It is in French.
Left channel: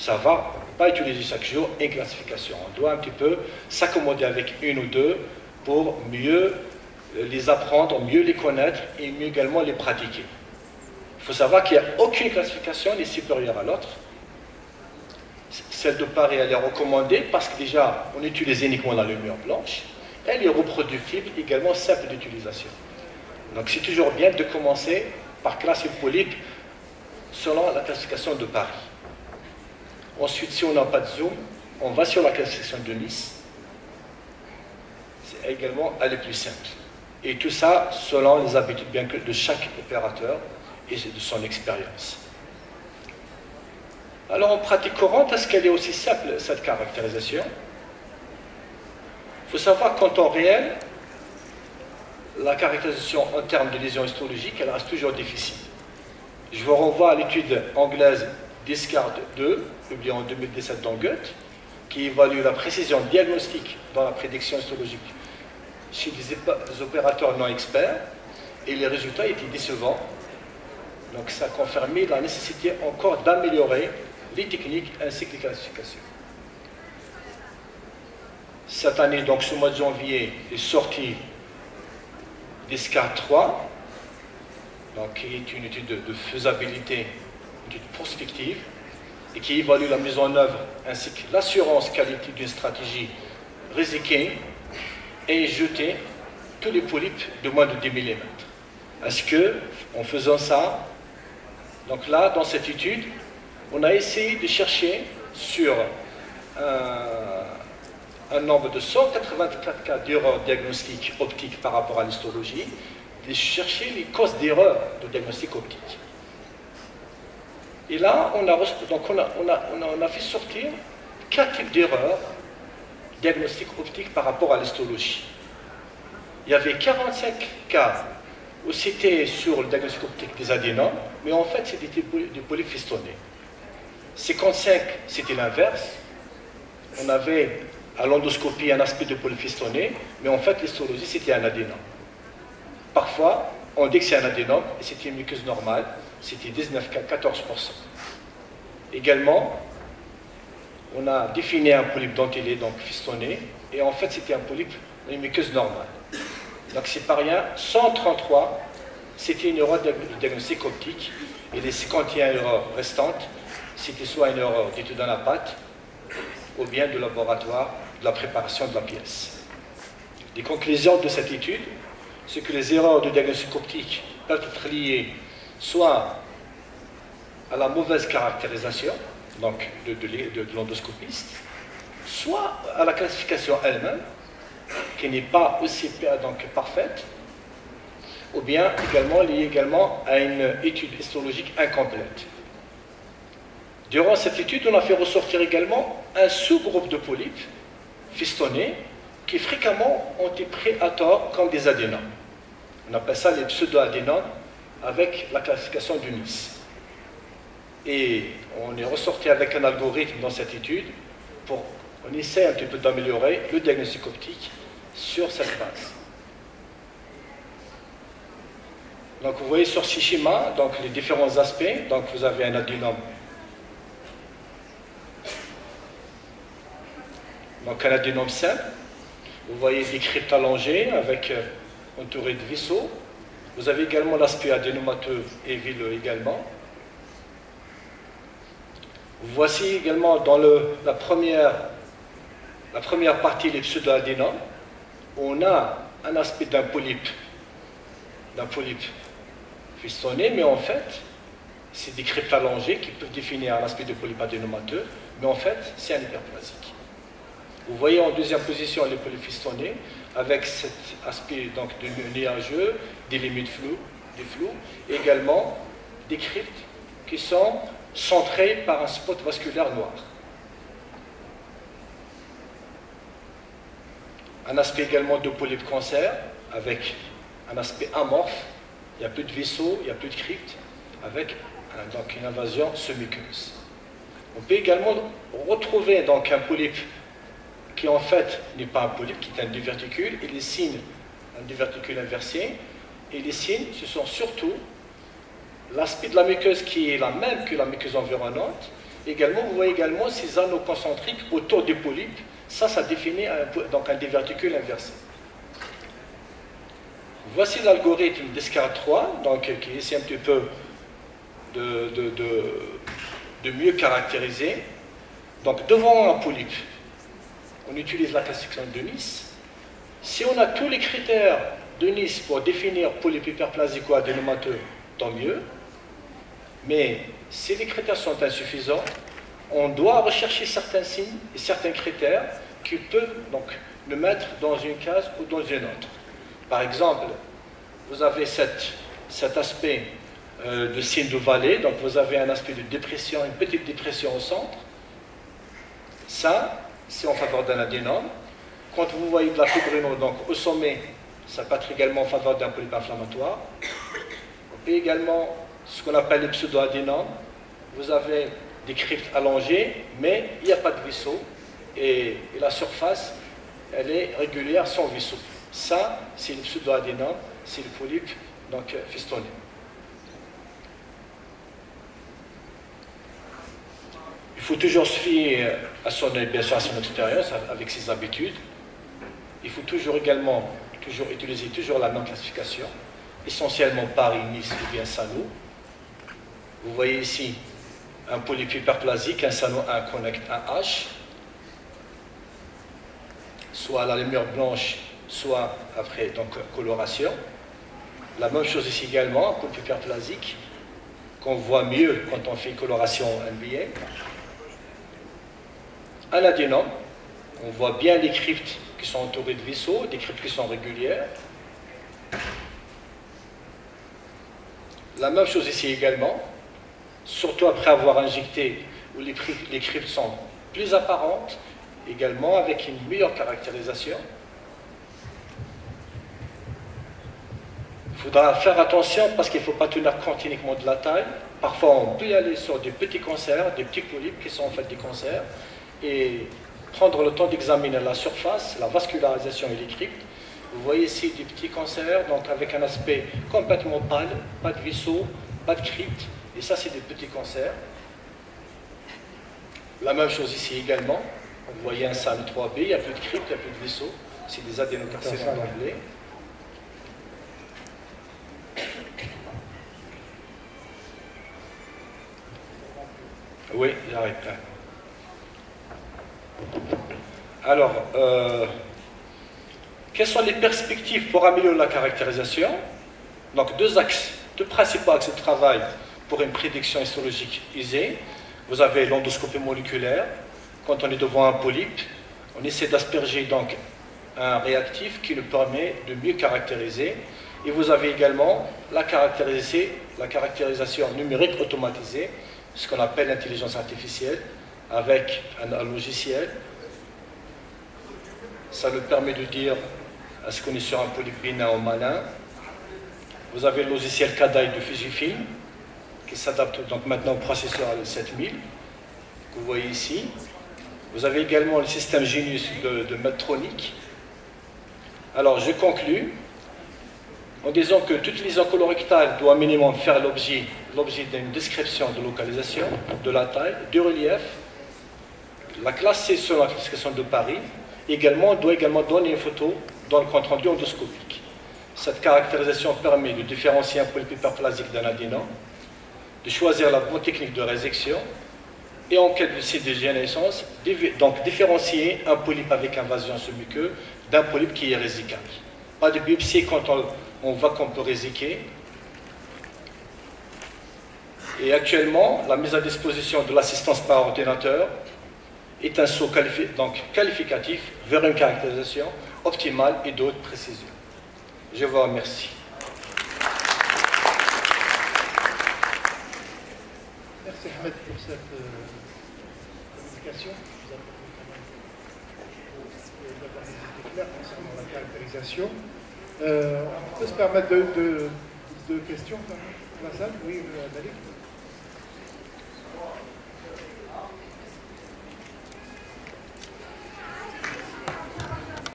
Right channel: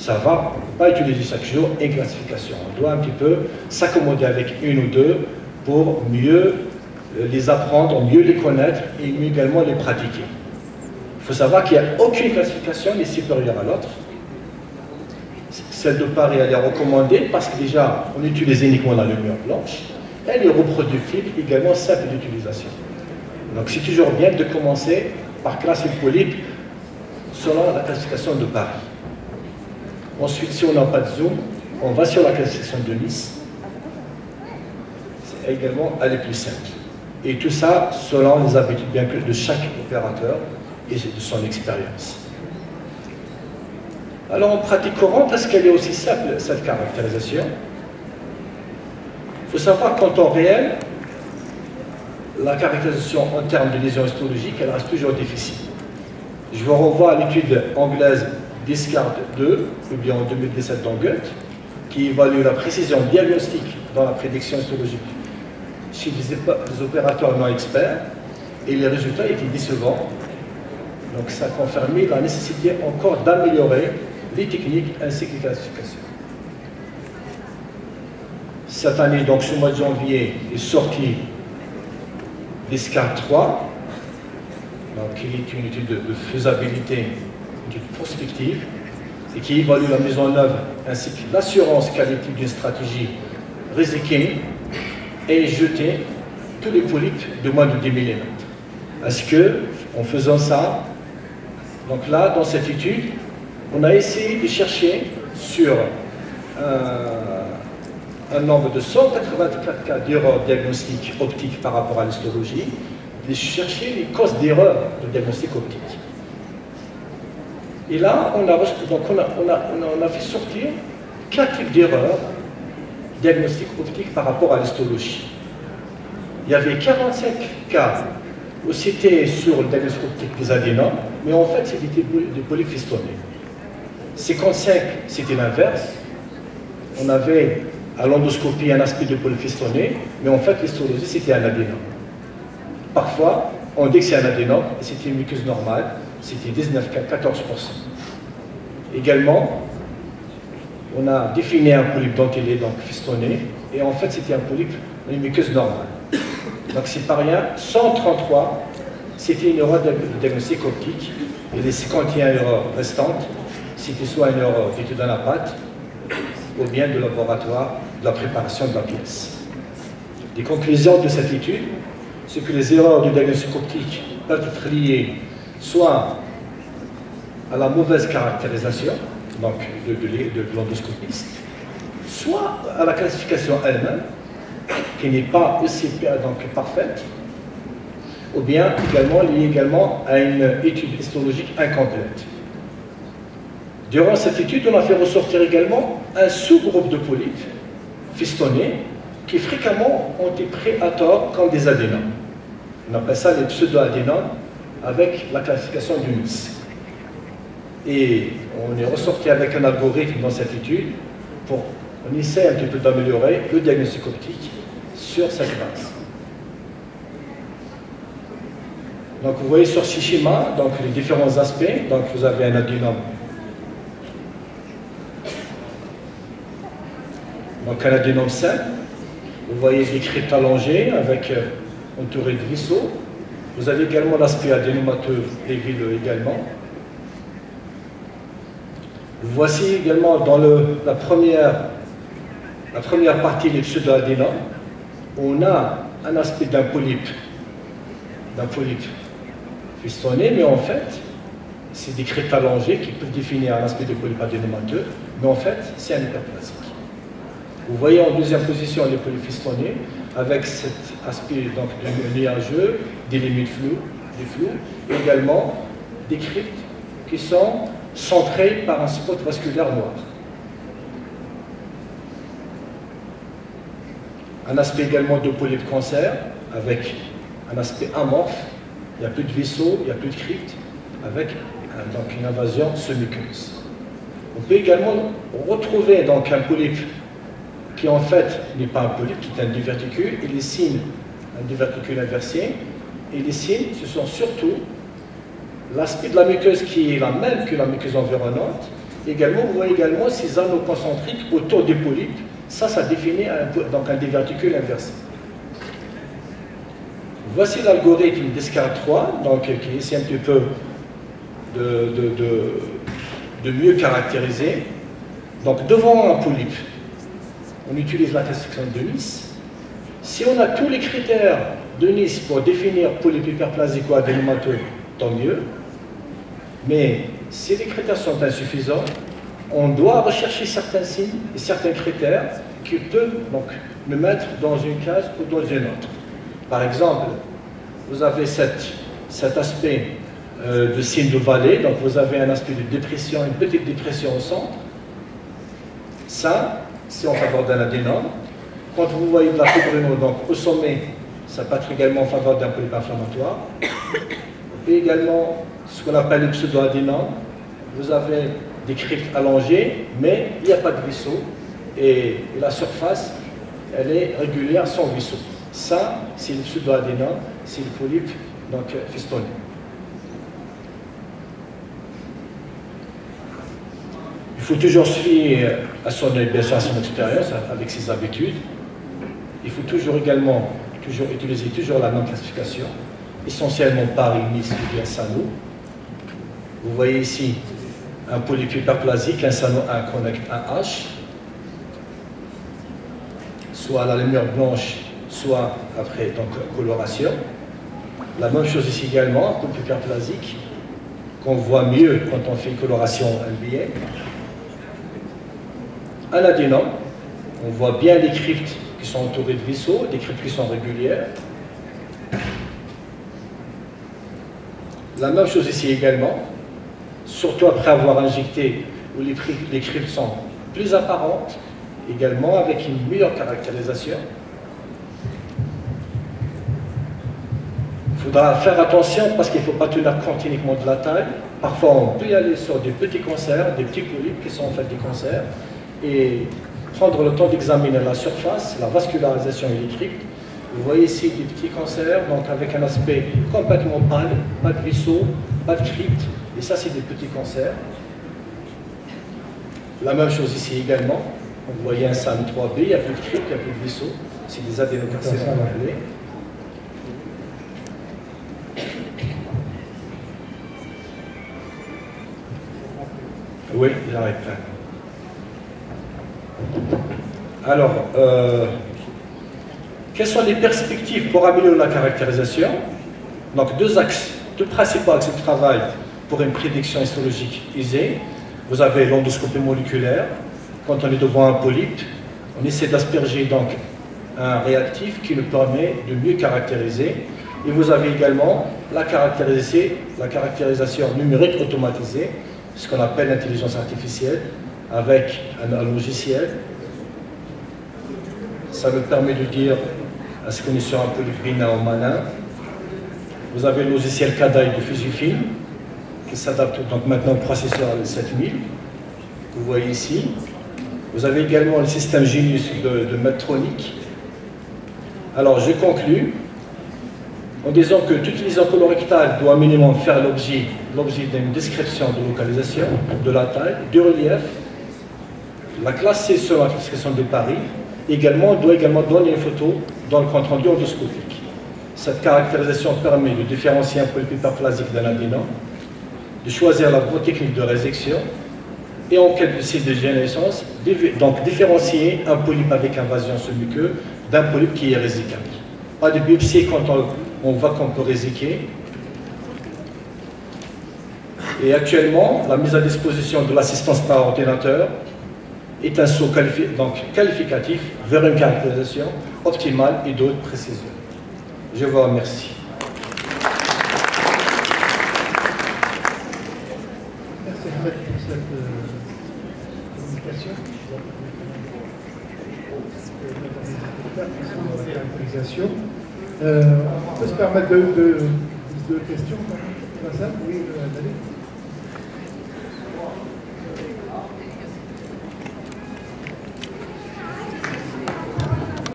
ça va, on ne peut pas utiliser chaque jour une classification. On doit un petit peu s'accommoder avec une ou deux pour mieux les apprendre, mieux les connaître et mieux également les pratiquer. Il faut savoir qu'il n'y a aucune classification qui est supérieure à l'autre. Celle de Paris, elle est recommandée parce que déjà, on utilise uniquement la lumière blanche. Elle est reproductible, également simple d'utilisation. Donc c'est toujours bien de commencer par classer le polype selon la classification de Paris. Ensuite, si on n'a pas de zoom, on va sur la classification de Nice. C'est également, elle est plus simple. Et tout ça selon les habitudes bien de chaque opérateur et de son expérience. Alors en pratique courante, est-ce qu'elle est aussi simple, cette caractérisation? Il faut savoir qu'en temps réel, la caractérisation en termes de lésions histologiques, elle reste toujours difficile. Je vous renvoie à l'étude anglaise Discard 2, publiée en 2017 dans Goethe, qui évalue la précision diagnostique dans la prédiction histologique chez des opérateurs non experts, et les résultats étaient décevants. Donc ça a confirmé la nécessité encore d'améliorer les techniques ainsi que les classifications. Cette année, donc ce mois de janvier, est sorti Discard 3, donc, qui est une étude de faisabilité, une étude prospective, et qui évalue la mise en œuvre ainsi que l'assurance qualité d'une stratégie Risiking et jeter tous les polypes de moins de 10 mm. Est-ce que, en faisant ça, donc là, dans cette étude, on a essayé de chercher sur un nombre de 184 cas d'erreurs diagnostiques optiques par rapport à l'histologie, de chercher les causes d'erreurs de diagnostic optique. Et là, on a fait sortir 4 types d'erreurs diagnostiques optiques par rapport à l'histologie. Il y avait 45 cas où c'était sur le diagnostic optique des adénomes, mais en fait, c'était des polypes fistonnés. 55, c'était l'inverse. On avait à l'endoscopie un aspect de polype fistonné, mais en fait, l'histologie, c'était un adénome. Parfois, on dit que c'est un adénome, et c'était une muqueuse normale, c'était 14%. Également, on a défini un polype dentelé, donc fistonné, et en fait, c'était un polype, une muqueuse normale. Donc, c'est pas rien. 133, c'était une erreur de diagnostic optique, et les 51 erreurs restantes, c'était soit une erreur d'étude dans la pâte, ou bien de laboratoire, de la préparation de la pièce. Les conclusions de cette étude, c'est que les erreurs de diagnostic optique peuvent être liées soit à la mauvaise caractérisation, donc de l'endoscopiste, soit à la classification elle-même, qui n'est pas aussi parfaite, ou bien également liée à une étude histologique incomplète. Durant cette étude, on a fait ressortir également un sous-groupe de polypes fistonnés qui fréquemment ont été pris à tort comme des adénomes. On appelle ça les pseudo-adénomes avec la classification du Nice. Et on est ressorti avec un algorithme dans cette étude pour on essaie un petit peu d'améliorer le diagnostic optique sur cette base. Donc vous voyez sur ce schéma donc, les différents aspects. Donc vous avez un adénome. Donc un adénome simple. Vous voyez des cryptes allongées avec entouré de vaisseaux. Vous avez également l'aspect adénomateux et villeux également. Voici également dans la première partie, les pseudo-adénomes, on a un aspect d'un polype fistonné, mais en fait, c'est des cryptes allongées qui peuvent définir un aspect de polype adénomateux, mais en fait, c'est un hyperplasique. Vous voyez en deuxième position les polypes fistonnés, avec cet aspect donc, de nuageux, des limites floues, des flous, et également des cryptes qui sont centrées par un spot vasculaire noir. Un aspect également de polype cancer, avec un aspect amorphe, il n'y a plus de vaisseau, il n'y a plus de crypte, avec donc, une invasion semi-muqueuse. On peut également retrouver donc, un polype qui en fait n'est pas un polype, qui est un diverticule, et les signes, un diverticule inversé, et les signes, ce sont surtout l'aspect de la muqueuse qui est la même que la muqueuse environnante, Également, vous voyez également ces anneaux concentriques autour des polypes. Ça définit donc un diverticule inversé. Voici l'algorithme Descartes 3, donc, qui essaie un petit peu de mieux caractériser. Donc, devant un polype, on utilise la classification de Nice. Si on a tous les critères de Nice pour définir polype hyperplasique ou adénomateux, tant mieux. Mais si les critères sont insuffisants, on doit rechercher certains signes et certains critères qui peuvent donc nous mettre dans une case ou dans une autre. Par exemple, vous avez cet aspect de signe de vallée, donc vous avez un aspect de dépression, une petite dépression au centre. Ça, c'est en faveur d'un adénome. Quand vous voyez de la fibrino, donc au sommet, ça peut être également en faveur d'un polype inflammatoire. Et également, ce qu'on appelle le pseudo-adénome, vous avez des cryptes allongées, mais il n'y a pas de vaisseau, et la surface, elle est régulière sans vaisseau. Ça, c'est le pseudo-adénome, c'est le polype donc festonné. Il faut toujours suivre à son œil, bien sûr, à son expérience, avec ses habitudes. Il faut toujours également utiliser la même classification, essentiellement Paris, Nice ou bien Saint-Lô. Vous voyez ici un polype hyperplasique, un Saint-Lô, un connect, un H, soit à la lumière blanche, soit après donc coloration. La même chose ici également, un polype hyperplasique, qu'on voit mieux quand on fait une coloration NBA. Un adénome, on voit bien les cryptes qui sont entourées de vaisseaux, des cryptes qui sont régulières. La même chose ici également, surtout après avoir injecté où les cryptes sont plus apparentes, également avec une meilleure caractérisation. Il faudra faire attention parce qu'il ne faut pas tenir compte uniquement de la taille. Parfois, on peut y aller sur des petits cancers, des petits polypes qui sont en fait des cancers, et prendre le temps d'examiner la surface, la vascularisation et les cryptes. Vous voyez ici des petits cancers, donc avec un aspect complètement pâle, pas de vaisseau, pas de crypte, et ça c'est des petits cancers. La même chose ici également, vous voyez un SAM 3B, il n'y a plus de crypte, il n'y a plus de vaisseau, c'est des adénocarcinomes anglais. Oui, il arrête là. Alors, quelles sont les perspectives pour améliorer la caractérisation? Donc, deux principaux axes de travail pour une prédiction histologique aisée. Vous avez l'endoscopie moléculaire. Quand on est devant un polype, on essaie d'asperger donc un réactif qui nous permet de mieux caractériser. Et vous avez également la caractérisation numérique automatisée, ce qu'on appelle l'intelligence artificielle, avec un logiciel. Ça nous permet de dire est-ce qu'on est sur un polype bénin ou malin. Vous avez le logiciel CADAI de Fujifilm qui s'adapte donc maintenant au processeur 7000 que vous voyez ici. Vous avez également le système Genius de Medtronic. Alors je conclus en disant que toute lésion colorectale doit minimum faire l'objet d'une description de localisation, de la taille, du relief, la classe C sur la classification de Paris. Également, doit également donner une photo dans le compte rendu endoscopique. Cette caractérisation permet de différencier un polype hyperplasique d'un adénome, de choisir la bonne technique de résection et en cas de dégénérescence, donc différencier un polype avec invasion sous-muqueuse d'un polype qui est résicable. Pas de biopsie quand on voit qu'on peut résiquer. Et actuellement, la mise à disposition de l'assistance par ordinateur est un saut qualificatif vers une caractérisation optimale et d'autres précisions. Je vous remercie. Merci Ahmed pour cette communication. La caractérisation. On peut se permettre deux questions dans la salle? Oui, David.